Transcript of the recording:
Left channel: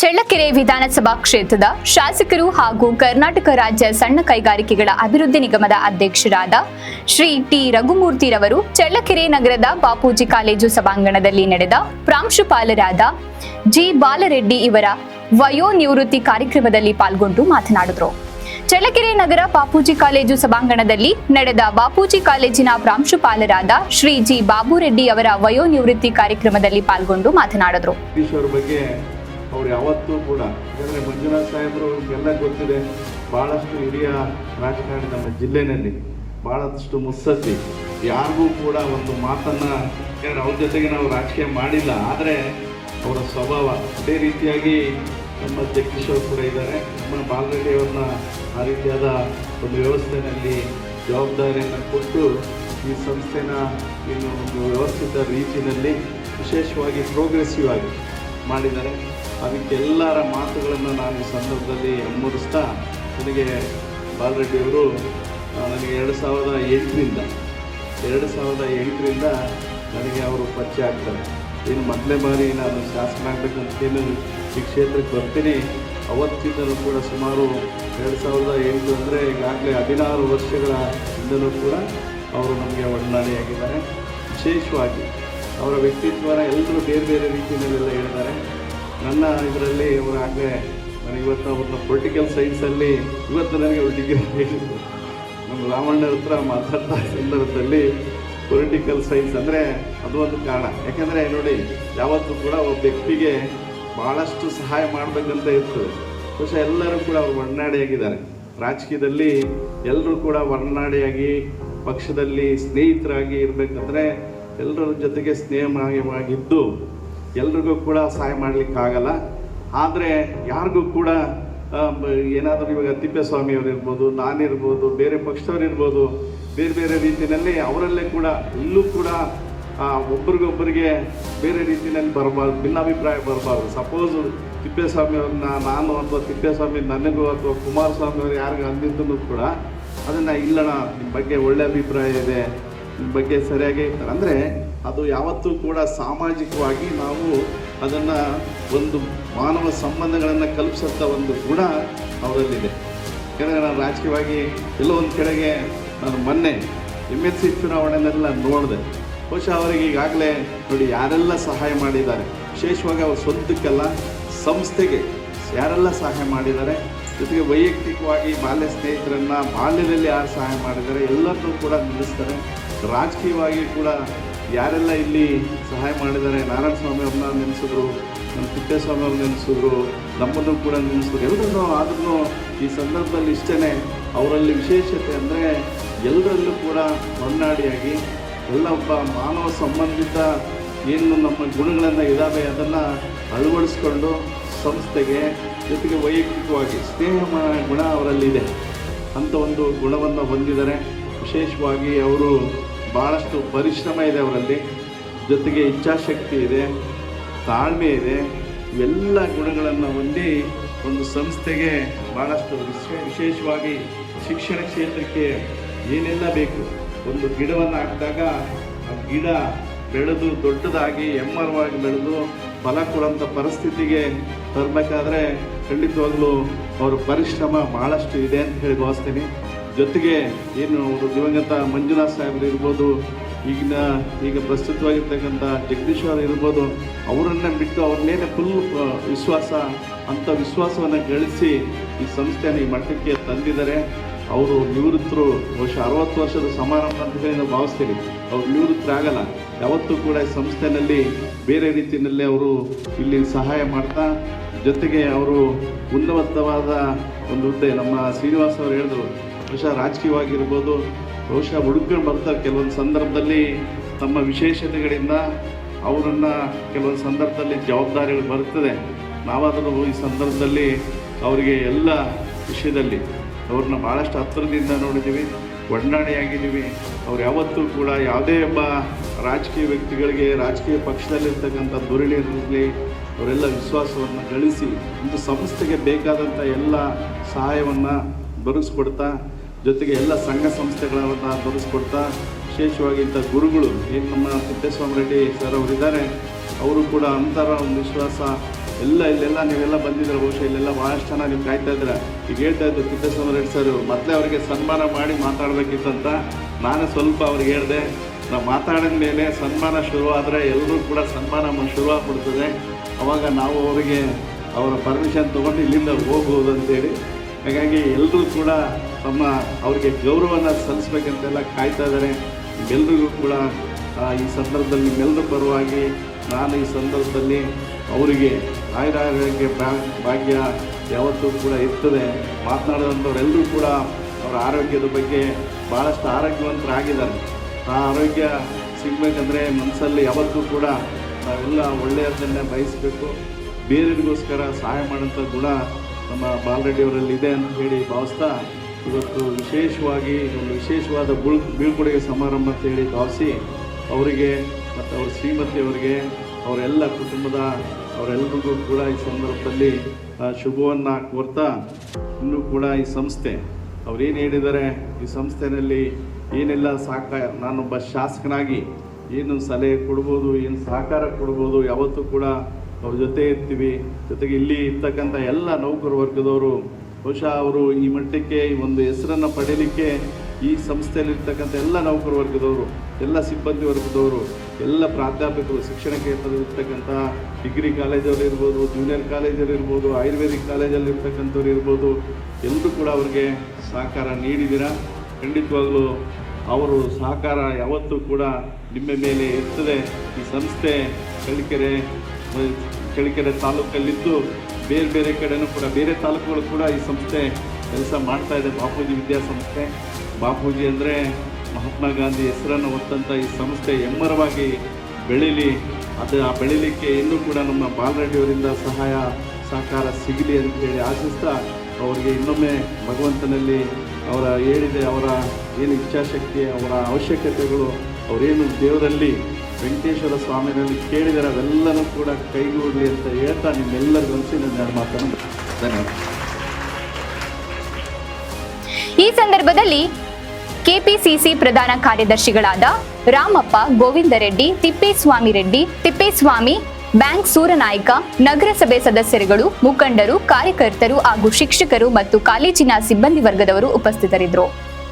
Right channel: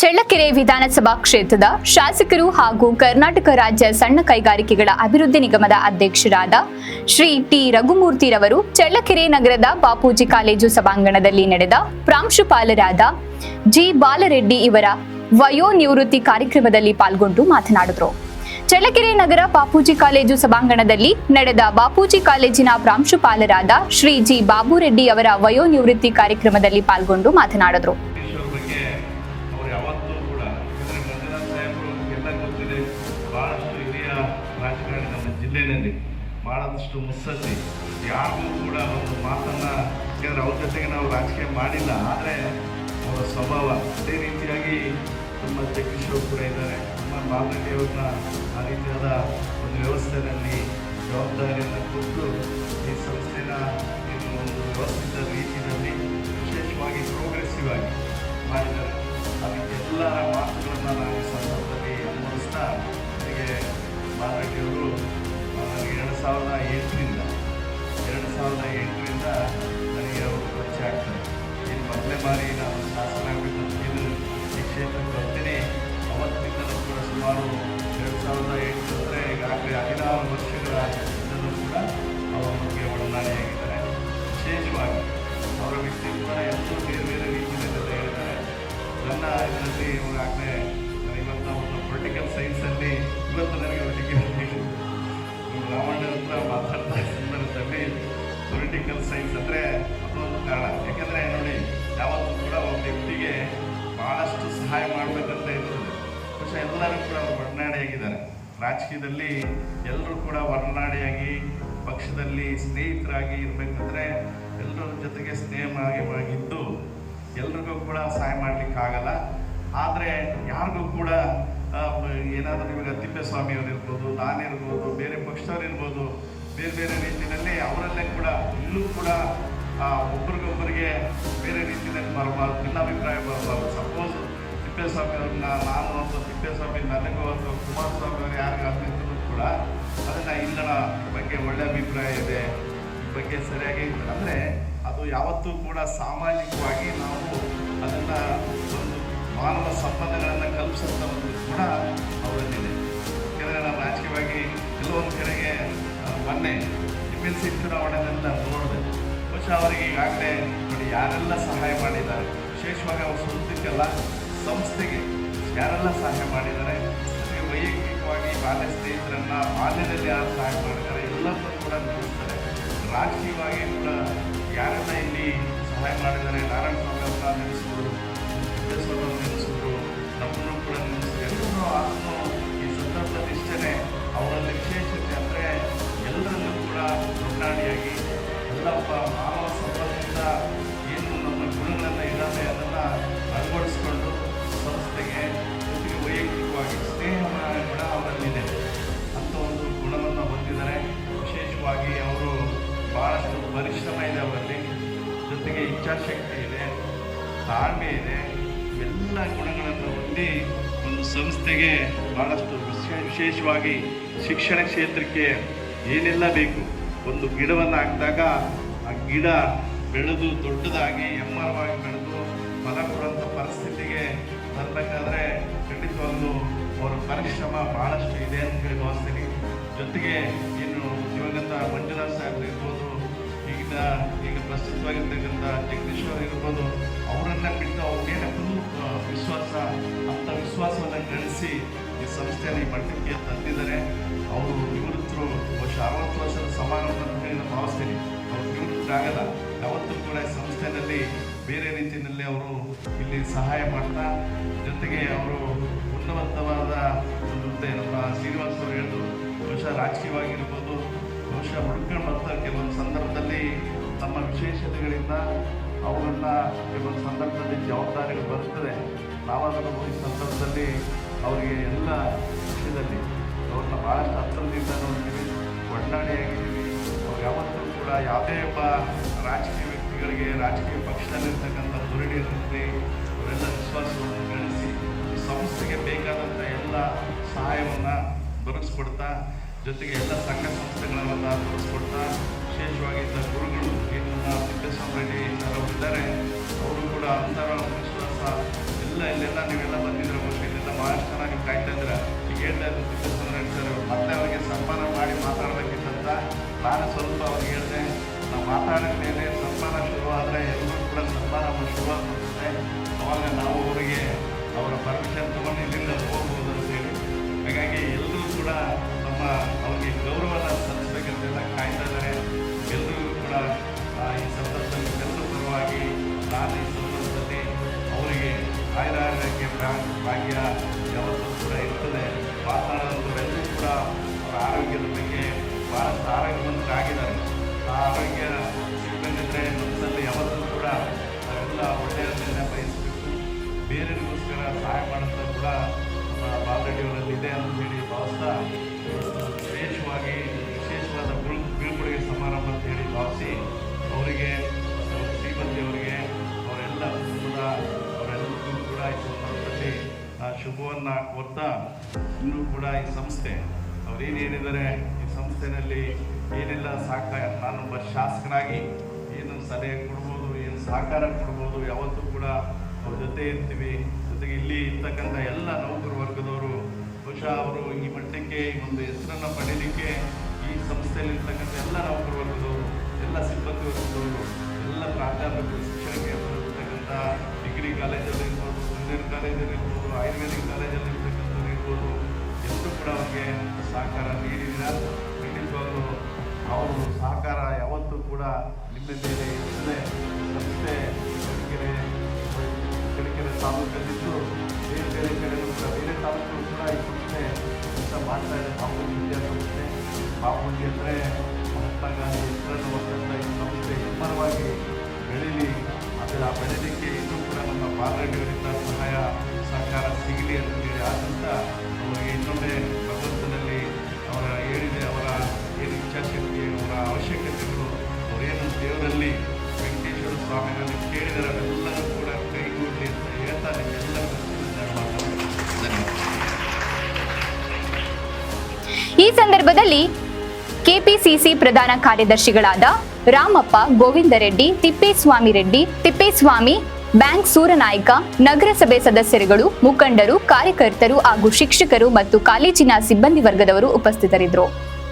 ಚಳ್ಳಕೆರೆ ವಿಧಾನಸಭಾ ಕ್ಷೇತ್ರದ ಶಾಸಕರು ಹಾಗೂ ಕರ್ನಾಟಕ ರಾಜ್ಯ ಸಣ್ಣ ಕೈಗಾರಿಕೆಗಳ ಅಭಿವೃದ್ಧಿ ನಿಗಮದ ಅಧ್ಯಕ್ಷರಾದ ಶ್ರೀ ಟಿ ರಘುಮೂರ್ತಿರವರು ಚಳ್ಳಕೆರೆ ನಗರದ ಬಾಪೂಜಿ ಕಾಲೇಜು ಸಭಾಂಗಣದಲ್ಲಿ ನಡೆದ ಪ್ರಾಂಶುಪಾಲರಾದ ಜಿ ಬಾಲರೆಡ್ಡಿ ಇವರ ವಯೋನಿವೃತ್ತಿ ಕಾರ್ಯಕ್ರಮದಲ್ಲಿ ಪಾಲ್ಗೊಂಡು ಮಾತನಾಡಿದರು. ಚಳ್ಳಕೆರೆ ನಗರ ಬಾಪೂಜಿ ಕಾಲೇಜು ಸಭಾಂಗಣದಲ್ಲಿ ನಡೆದ ಬಾಪೂಜಿ ಕಾಲೇಜಿನ ಪ್ರಾಂಶುಪಾಲರಾದ ಶ್ರೀ ಜಿ ಬಾಬುರೆಡ್ಡಿ ಅವರ ವಯೋನಿವೃತ್ತಿ ಕಾರ್ಯಕ್ರಮದಲ್ಲಿ ಪಾಲ್ಗೊಂಡು ಮಾತನಾಡಿದರು. ಅವ್ರು ಯಾವತ್ತೂ ಕೂಡ ಯಾಕಂದರೆ ಮಂಜುನಾಥ್ ಸಾಹೇಬರು ಎಲ್ಲ ಗೊತ್ತಿದೆ, ಭಾಳಷ್ಟು ಹಿರಿಯ ರಾಜಕಾರಣಿ ನಮ್ಮ ಜಿಲ್ಲೆಯಲ್ಲಿ, ಭಾಳಷ್ಟು ಮುತ್ಸದ್ದಿ, ಯಾರಿಗೂ ಕೂಡ ಒಂದು ಮಾತನ್ನು, ಯಾಕಂದರೆ ಅವ್ರ ಜೊತೆಗೆ ನಾವು ರಾಜಕೀಯ ಮಾಡಿಲ್ಲ, ಆದರೆ ಅವರ ಸ್ವಭಾವ ಅದೇ ರೀತಿಯಾಗಿ ನಮ್ಮ ಜಗದೀಶ್ ಅವರು ಕೂಡ ಇದ್ದಾರೆ. ನಮ್ಮ ಬಾಲರೆಡ್ಡಿ ಅವ್ರನ್ನ ಆ ರೀತಿಯಾದ ಒಂದು ವ್ಯವಸ್ಥೆಯಲ್ಲಿ ಜವಾಬ್ದಾರಿಯನ್ನು ಕೊಟ್ಟು ಈ ಸಂಸ್ಥೆನ ಒಂದು ವ್ಯವಸ್ಥಿತ ರೀತಿಯಲ್ಲಿ ವಿಶೇಷವಾಗಿ ಪ್ರೋಗ್ರೆಸಿವ್ ಆಗಿ ಮಾಡಿದ್ದಾರೆ. ಅದಕ್ಕೆಲ್ಲರ ಮಾತುಗಳನ್ನು ನಾನು ಈ ಸಂದರ್ಭದಲ್ಲಿ ಅನುಮೋದಿಸ್ತಾ, ನನಗೆ ಬಾಲರೆಡ್ಡಿಯವರು ನನಗೆ 2008ರಿಂದ ನನಗೆ ಅವರು ಪರಿಚಯ ಆಗ್ತಾರೆ. ಇನ್ನು ಮೊದಲೇ ಬಾರಿ ನಾನು ಶಾಸನ ಆಗಬೇಕು ಅಂತೇನು ಈ ಕ್ಷೇತ್ರಕ್ಕೆ ಬರ್ತೀನಿ. ಅವತ್ತಿಂದಲೂ ಕೂಡ ಸುಮಾರು 2008 ಅಂದರೆ ಈಗಾಗಲೇ 16 ವರ್ಷಗಳ ಹಿಂದಲೂ ಕೂಡ ಅವರು ನನಗೆ ಒಡನಾಡಿಯಾಗಿದ್ದಾರೆ. ವಿಶೇಷವಾಗಿ ಅವರ ವ್ಯಕ್ತಿತ್ವನ ಎಲ್ಲರೂ ಬೇರೆ ಬೇರೆ ರೀತಿಯಲ್ಲೆಲ್ಲ ಹೇಳಿದ್ದಾರೆ. ನನ್ನ ಇದರಲ್ಲಿ ಇವರಾಗಲೇ ನಾನು ಇವತ್ತು ಅವ್ರನ್ನ ಪೊಲಿಟಿಕಲ್ ಸೈನ್ಸಲ್ಲಿ ಇವತ್ತು ನನಗೆ ಡಿಗ್ರಿ ಹೇಳಿದ್ದೆ. ನಮ್ಮ ರಾಮಣ್ಣ ಹತ್ರ ಮಾತಾಡ್ತಾ ಸಂದರ್ಭದಲ್ಲಿ ಪೊಲಿಟಿಕಲ್ ಸೈನ್ಸ್ ಅಂದರೆ ಅದು ಒಂದು ಕಾರಣ. ಯಾಕೆಂದರೆ ನೋಡಿ, ಯಾವತ್ತೂ ಕೂಡ ಒಬ್ಬ ವ್ಯಕ್ತಿಗೆ ಭಾಳಷ್ಟು ಸಹಾಯ ಮಾಡಬೇಕಂತ ಇರ್ತದೆ. ಬಹುಶಃ ಎಲ್ಲರೂ ಕೂಡ ಅವರು ಒಡನಾಡಿಯಾಗಿದ್ದಾರೆ. ರಾಜಕೀಯದಲ್ಲಿ ಎಲ್ಲರೂ ಕೂಡ ಒಡನಾಡಿಯಾಗಿ ಪಕ್ಷದಲ್ಲಿ ಸ್ನೇಹಿತರಾಗಿ ಇರಬೇಕಂದ್ರೆ ಎಲ್ಲರ ಜೊತೆಗೆ ಸ್ನೇಹವಾಗಿದ್ದು ಎಲ್ರಿಗೂ ಕೂಡ ಸಹಾಯ ಮಾಡಲಿಕ್ಕಾಗಲ್ಲ. ಆದರೆ ಯಾರಿಗೂ ಕೂಡ ಏನಾದರೂ ಇವಾಗ ತಿಪ್ಪೇಸ್ವಾಮಿಯವರು ಇರ್ಬೋದು, ನಾನಿರ್ಬೋದು, ಬೇರೆ ಪಕ್ಷದವ್ರು ಇರ್ಬೋದು, ಬೇರೆ ಬೇರೆ ರೀತಿಯಲ್ಲಿ ಅವರಲ್ಲೇ ಕೂಡ ಇಲ್ಲೂ ಕೂಡ ಒಬ್ರಿಗೊಬ್ಬರಿಗೆ ಬೇರೆ ರೀತಿಯಲ್ಲಿ ಬರಬಾರ್ದು, ಭಿನ್ನಾಭಿಪ್ರಾಯ ಬರಬಾರ್ದು. ಸಪೋಸ್ ತಿಪ್ಪೇಸ್ವಾಮಿಯವ್ರನ್ನ ನಾನು ಅಥವಾ ತಿಪ್ಪೇಸ್ವಾಮಿ ನನಗೂ ಅಥವಾ ಕುಮಾರಸ್ವಾಮಿಯವರು ಯಾರಿಗೂ ಅಂದಿದ್ದೂ ಕೂಡ ಅದನ್ನು ಇಲ್ಲಣ್ಣ, ನಿಮ್ಮ ಬಗ್ಗೆ ಒಳ್ಳೆ ಅಭಿಪ್ರಾಯ ಇದೆ, ನಿಮ್ಮ ಬಗ್ಗೆ ಸರಿಯಾಗಿ ಇರ್ತಾರೆ ಅಂದರೆ ಅದು ಯಾವತ್ತೂ ಕೂಡ ಸಾಮಾಜಿಕವಾಗಿ ನಾವು ಅದನ್ನು ಒಂದು ಮಾನವ ಸಂಬಂಧಗಳನ್ನು ಕಲ್ಪಿಸಂಥ ಒಂದು ಗುಣ ಅವರಲ್ಲಿದೆ. ಯಾಕೆಂದರೆ ನಾನು ರಾಜಕೀಯವಾಗಿ ಎಲ್ಲೋ ಒಂದು ಕಡೆಗೆ ನಾನು ಮೊನ್ನೆ MLC ಚುನಾವಣೆಯನ್ನೆಲ್ಲ ನೋಡಿದೆ. ಬಹುಶಃ ಅವರಿಗೆ ಈಗಾಗಲೇ ನೋಡಿ ಯಾರೆಲ್ಲ ಸಹಾಯ ಮಾಡಿದ್ದಾರೆ, ವಿಶೇಷವಾಗಿ ಅವ್ರ ಸ್ವಂತಕ್ಕೆಲ್ಲ ಸಂಸ್ಥೆಗೆ ಯಾರೆಲ್ಲ ಸಹಾಯ ಮಾಡಿದ್ದಾರೆ, ಜೊತೆಗೆ ವೈಯಕ್ತಿಕವಾಗಿ ಬಾಲ್ಯ ಸ್ನೇಹಿತರನ್ನು ಬಾಲ್ಯದಲ್ಲಿ ಯಾರು ಸಹಾಯ ಮಾಡಿದ್ದಾರೆ ಎಲ್ಲರೂ ಕೂಡ ನಿಲ್ಲಿಸ್ತಾರೆ. ರಾಜಕೀಯವಾಗಿ ಕೂಡ ಯಾರೆಲ್ಲ ಇಲ್ಲಿ ಸಹಾಯ ಮಾಡಿದ್ದಾರೆ, ನಾರಾಯಣ ಸ್ವಾಮಿ ಅವ್ರನ್ನ ನೆನೆಸಿದ್ರು, ತಿಪ್ಪೇಸ್ವಾಮಿ ಅವ್ರು ನೆನೆಸಿದ್ರು, ನಮ್ಮನ್ನು ಕೂಡ ನೆನೆಸಿದ್ರು. ಎಲ್ಲರೂ ಆದ್ರೂ ಈ ಸಂದರ್ಭದಲ್ಲಿ ಇಷ್ಟೇ ಅವರಲ್ಲಿ ವಿಶೇಷತೆ ಅಂದರೆ ಎಲ್ಲರಲ್ಲೂ ಕೂಡ ಹೊನ್ನಾಡಿಯಾಗಿ ಎಲ್ಲ ಒಬ್ಬ ಮಾನವ ಸಂಬಂಧಿತ ಏನು ನಮ್ಮ ಗುಣಗಳನ್ನು ಇದ್ದಾವೆ ಅದನ್ನು ಅಳವಡಿಸ್ಕೊಂಡು ಸಂಸ್ಥೆಗೆ ಜೊತೆಗೆ ವೈಯಕ್ತಿಕವಾಗಿ ಸ್ನೇಹ ಗುಣ ಅವರಲ್ಲಿದೆ ಅಂಥ ಒಂದು ಗುಣವನ್ನು ಹೊಂದಿದ್ದಾರೆ. ವಿಶೇಷವಾಗಿ ಅವರು ಭಾಳಷ್ಟು ಪರಿಶ್ರಮ ಇದೆ ಅವರಲ್ಲಿ, ಜೊತೆಗೆ ಇಚ್ಛಾಶಕ್ತಿ ಇದೆ, ತಾಳ್ಮೆ ಇದೆ, ಎಲ್ಲ ಗುಣಗಳನ್ನು ಹೊಂದಿ ಒಂದು ಸಂಸ್ಥೆಗೆ ಭಾಳಷ್ಟು ವಿಶೇಷವಾಗಿ ಶಿಕ್ಷಣ ಕ್ಷೇತ್ರಕ್ಕೆ ಏನೆಲ್ಲ ಬೇಕು, ಒಂದು ಗಿಡವನ್ನು ಹಾಕಿದಾಗ ಆ ಗಿಡ ಬೆಳೆದು ದೊಡ್ಡದಾಗಿ ಎಮ್ಮರವಾಗಿ ಬೆಳೆದು ಫಲ ಕೊಡುವಂಥ ಪರಿಸ್ಥಿತಿಗೆ ತರಬೇಕಾದ್ರೆ ಖಂಡಿತವಾಗಲೂ ಅವರ ಪರಿಶ್ರಮ ಭಾಳಷ್ಟು ಇದೆ ಅಂತ ಹೇಳಿ ಭಾವಿಸ್ತೀನಿ. ಜೊತೆಗೆ ಏನು ದಿವಂಗತ ಮಂಜುನಾಥ್ ಸಾಹೇಬರು ಇರ್ಬೋದು, ಈಗ ಪ್ರಸ್ತುತವಾಗಿರ್ತಕ್ಕಂಥ ಜಗದೀಶ್ ಅವರು ಇರ್ಬೋದು, ಅವರನ್ನು ಬಿಟ್ಟು ಅವ್ರ ಮೇಲೆ ಫುಲ್ ವಿಶ್ವಾಸ, ಅಂಥ ವಿಶ್ವಾಸವನ್ನು ಗಳಿಸಿ ಈ ಸಂಸ್ಥೆಯನ್ನು ಈ ಮಟ್ಟಕ್ಕೆ ತಂದಿದ್ದಾರೆ. ಅವರು ನಿವೃತ್ತರು, ಬಹುಶಃ 60 ವರ್ಷದ ಸಮಾರಂಭ ಅಂತ ಹೇಳಿ ಭಾವಿಸ್ತೀನಿ. ಅವರು ನಿವೃತ್ತರಾಗಲ್ಲ, ಯಾವತ್ತೂ ಕೂಡ ಸಂಸ್ಥೆಯಲ್ಲಿ ಬೇರೆ ರೀತಿಯಲ್ಲಿ ಅವರು ಇಲ್ಲಿ ಸಹಾಯ ಮಾಡ್ತಾ, ಜೊತೆಗೆ ಅವರು ಉನ್ನತವಾದ ಒಂದು ಹುದ್ದೆ, ನಮ್ಮ ಶ್ರೀನಿವಾಸ್ ಅವರು ಹೇಳಿದ್ರು, ಬಹುಶಃ ರಾಜಕೀಯವಾಗಿರ್ಬೋದು, ಬಹುಶಃ ಹುಡುಕೊಂಡು ಬರ್ತಾರೆ ಕೆಲವೊಂದು ಸಂದರ್ಭದಲ್ಲಿ ತಮ್ಮ ವಿಶೇಷತೆಗಳಿಂದ ಅವರನ್ನು ಕೆಲವೊಂದು ಸಂದರ್ಭದಲ್ಲಿ ಜವಾಬ್ದಾರಿಗಳು ಬರ್ತದೆ. ನಾವಾದರೂ ಈ ಸಂದರ್ಭದಲ್ಲಿ ಅವರಿಗೆ ಎಲ್ಲ ವಿಷಯದಲ್ಲಿ ಅವ್ರನ್ನ ಭಾಳಷ್ಟು ಹತ್ತಿರದಿಂದ ನೋಡಿದ್ದೀವಿ, ಒಡನಾಡಿಯಾಗಿದ್ದೀವಿ. ಅವ್ರು ಯಾವತ್ತೂ ಕೂಡ ಯಾವುದೇ ಒಬ್ಬ ರಾಜಕೀಯ ವ್ಯಕ್ತಿಗಳಿಗೆ, ರಾಜಕೀಯ ಪಕ್ಷದಲ್ಲಿರ್ತಕ್ಕಂಥ ಧೋರಣೆಯಲ್ಲಿ ಅವರೆಲ್ಲ ವಿಶ್ವಾಸವನ್ನು ಗಳಿಸಿ ಒಂದು ಸಂಸ್ಥೆಗೆ ಬೇಕಾದಂಥ ಎಲ್ಲ ಸಹಾಯವನ್ನು ದೊರಕಿಸ್ಕೊಡ್ತಾ, ಜೊತೆಗೆ ಎಲ್ಲ ಸಂಘ ಸಂಸ್ಥೆಗಳನ್ನು ದೊರಕಿಸ್ಕೊಡ್ತಾ, ವಿಶೇಷವಾಗಿ ಇಂಥ ಗುರುಗಳು ಏನು ನಮ್ಮ ತಿಪ್ಪೇಸ್ವಾಮಿ ರೆಡ್ಡಿ ಸರ್ ಅವರಿದ್ದಾರೆ, ಅವರು ಕೂಡ ಅಂತರ ಒಂದು ವಿಶ್ವಾಸ ಇಲ್ಲೆಲ್ಲ ನೀವೆಲ್ಲ ಬಂದಿದ್ರೆ ಬಹುಶಃ ಇಲ್ಲೆಲ್ಲ ಭಾಳಷ್ಟು ಜನ ನೀವು ಕಾಯ್ತಾ ಇದ್ರೆ. ಈಗ ಹೇಳ್ತಾ ಇದ್ದು ತಿಪ್ಪೇಸ್ವಾಮಿ ರೆಡ್ಡಿ ಸರ್ ಅವರು ಮತ್ತೆ ಅವರಿಗೆ ಸನ್ಮಾನ ಮಾಡಿ ಮಾತಾಡಬೇಕಿತ್ತಂತ ನಾನು ಸ್ವಲ್ಪ ಅವ್ರಿಗೆ ಹೇಳಿದೆ. ನಾವು ಮಾತಾಡಿದ ಮೇಲೆ ಸನ್ಮಾನ ಶುರುವಾದರೆ ಎಲ್ಲರೂ ಕೂಡ ಸನ್ಮಾನ ಶುರುವಾಗ್ಬಿಡ್ತದೆ. ಅವಾಗ ನಾವು ಅವರಿಗೆ ಅವರ ಪರ್ಮಿಷನ್ ತೊಗೊಂಡು ಇಲ್ಲಿಂದ ಹೋಗ್ಬೋದು ಅಂತೇಳಿ. ಹಾಗಾಗಿ ಎಲ್ಲರೂ ಕೂಡ ಅವ್ರಿಗೆ ಗೌರವನ ಸಲ್ಲಿಸ್ಬೇಕಂತೆಲ್ಲ ಕಾಯ್ತಾ ಇದ್ದಾರೆ. ಎಲ್ರಿಗೂ ಕೂಡ ಈ ಸಂದರ್ಭದಲ್ಲಿ ನಿಮ್ಮೆಲ್ಲರ ಪರವಾಗಿ ನಾನು ಈ ಸಂದರ್ಭದಲ್ಲಿ ಅವರಿಗೆ ಆಯುರಾರೋಗ್ಯ ಭಾಗ್ಯ ಯಾವತ್ತೂ ಕೂಡ ಇರ್ತದೆ. ಮಾತನಾಡಿದಂಥವರೆಲ್ಲರೂ ಕೂಡ ಅವರ ಆರೋಗ್ಯದ ಬಗ್ಗೆ ಭಾಳಷ್ಟು ಆರೋಗ್ಯವಂತರಾಗಿದ್ದಾರೆ. ಆ ಆರೋಗ್ಯ ಸಿಗಬೇಕಂದ್ರೆ ಮನಸ್ಸಲ್ಲಿ ಯಾವತ್ತೂ ಕೂಡ ನಾವೆಲ್ಲ ಒಳ್ಳೆಯದನ್ನು ಬಯಸಬೇಕು. ಬೇರೆಯವರಿಗೋಸ್ಕರ ಸಹಾಯ ಮಾಡೋಂಥ ಗುಣ ನಮ್ಮ ಬಾಲರೆಡ್ಡಿಯವರಲ್ಲಿ ಇದೆ ಅಂತ ಹೇಳಿ ಭಾವಿಸ್ತಾ ಇವತ್ತು ವಿಶೇಷವಾಗಿ ಒಂದು ವಿಶೇಷವಾದ ಬೀಳ್ಕೊಡುಗೆ ಸಮಾರಂಭ ಅಂತ ಹೇಳಿ ಭಾವಿಸಿ ಅವರಿಗೆ ಮತ್ತು ಅವ್ರ ಶ್ರೀಮತಿಯವರಿಗೆ ಅವರೆಲ್ಲ ಕುಟುಂಬದ ಅವರೆಲ್ಲರಿಗೂ ಕೂಡ ಈ ಸಂದರ್ಭದಲ್ಲಿ ಶುಭವನ್ನು ಕೋರ್ತಾ, ಇನ್ನೂ ಕೂಡ ಈ ಸಂಸ್ಥೆ ಅವರೇನು ಹೇಳಿದ್ದಾರೆ, ಈ ಸಂಸ್ಥೆಯಲ್ಲಿ ಏನೆಲ್ಲ ನಾನೊಬ್ಬ ಶಾಸಕನಾಗಿ ಏನು ಸಲಹೆ ಕೊಡ್ಬೋದು, ಏನು ಸಹಕಾರ ಕೊಡ್ಬೋದು, ಯಾವತ್ತೂ ಕೂಡ ಅವ್ರ ಜೊತೆ ಇರ್ತೀವಿ. ಜೊತೆಗೆ ಇಲ್ಲಿ ಇರ್ತಕ್ಕಂಥ ಎಲ್ಲ ನೌಕರ ವರ್ಗದವರು ಬಹುಶಃ ಅವರು ಈ ಮಟ್ಟಕ್ಕೆ ಈ ಒಂದು ಹೆಸರನ್ನು ಪಡೆಯಲಿಕ್ಕೆ ಈ ಸಂಸ್ಥೆಯಲ್ಲಿರ್ತಕ್ಕಂಥ ಎಲ್ಲ ನೌಕರ ವರ್ಗದವರು, ಎಲ್ಲ ಸಿಬ್ಬಂದಿ ವರ್ಗದವರು, ಎಲ್ಲ ಪ್ರಾಧ್ಯಾಪಕರು, ಶಿಕ್ಷಣ ಕ್ಷೇತ್ರದಲ್ಲಿರ್ತಕ್ಕಂಥ ಡಿಗ್ರಿ ಕಾಲೇಜಲ್ಲಿ ಇರ್ಬೋದು, ಜೂನಿಯರ್ ಕಾಲೇಜಲ್ಲಿ ಇರ್ಬೋದು, ಆಯುರ್ವೇದಿಕ್ ಕಾಲೇಜಲ್ಲಿ ಇರ್ತಕ್ಕಂಥವ್ರು ಇರ್ಬೋದು, ಎಲ್ಲರೂ ಕೂಡ ಅವರಿಗೆ ಸಹಕಾರ ನೀಡಿದ್ದೀರ. ಖಂಡಿತವಾಗಲೂ ಅವರು ಸಹಕಾರ ಯಾವತ್ತೂ ಕೂಡ ನಿಮ್ಮ ಮೇಲೆ ಇರ್ತದೆ. ಈ ಸಂಸ್ಥೆ ಚಳ್ಳಕೆರೆ ತಾಲೂಕಲ್ಲಿದ್ದು ಬೇರೆ ಬೇರೆ ಕಡೆಯೂ ಕೂಡ ಬೇರೆ ತಾಲೂಕುಗಳು ಕೂಡ ಈ ಸಂಸ್ಥೆ ಕೆಲಸ ಮಾಡ್ತಾಯಿದೆ. ಬಾಪೂಜಿ ವಿದ್ಯಾಸಂಸ್ಥೆ, ಬಾಪೂಜಿ ಅಂದರೆ ಮಹಾತ್ಮ ಗಾಂಧಿ ಹೆಸರನ್ನು ಹೊತ್ತಂಥ ಈ ಸಂಸ್ಥೆ ಎಮ್ಮರವಾಗಿ ಬೆಳೀಲಿ. ಆ ಬೆಳೀಲಿಕ್ಕೆ ಇನ್ನೂ ಕೂಡ ನಮ್ಮ ಬಾಲರೆಡ್ಡಿಯವರಿಂದ ಸಹಾಯ ಸಹಕಾರ ಸಿಗಲಿ ಅಂತೇಳಿ ಆಶಿಸ್ತಾ ಅವರಿಗೆ ಇನ್ನೊಮ್ಮೆ ಭಗವಂತನಲ್ಲಿ ಅವರ ಅವರ ಏನು ಇಚ್ಛಾಶಕ್ತಿ, ಅವರ ಅವಶ್ಯಕತೆಗಳು, ಅವರೇನು ದೇವರಲ್ಲಿ ವೆಂಕಟೇಶ್ವರ ಸ್ವಾಮಿನಲ್ಲಿ ಕೇಳಿದರೆ ಅವೆಲ್ಲರೂ ಕೂಡ ಕೈಗೂಡಲಿ ಅಂತ ಹೇಳ್ತಾ ನಿಮ್ಮೆಲ್ಲರ ಮನಸ್ಸು ನನ್ನ ಮಾತನ್ನು ಧನ್ಯವಾದ. ಈ ಸಂದರ್ಭದಲ್ಲಿ ಕೆಪಿಸಿಸಿ ಪ್ರಧಾನ ಕಾರ್ಯದರ್ಶಿಗಳಾದ ರಾಮಪ್ಪ, ಗೋವಿಂದ ರೆಡ್ಡಿ, ತಿಪ್ಪೇಸ್ವಾಮಿ, ಬ್ಯಾಂಕ್ ಸೂರನಾಯ್ಕ, ನಗರಸಭೆ ಸದಸ್ಯರುಗಳು, ಮುಖಂಡರು, ಕಾರ್ಯಕರ್ತರು ಹಾಗೂ ಶಿಕ್ಷಕರು ಮತ್ತು ಕಾಲೇಜಿನ ಸಿಬ್ಬಂದಿ ವರ್ಗದವರು ಉಪಸ್ಥಿತರಿದ್ದರು.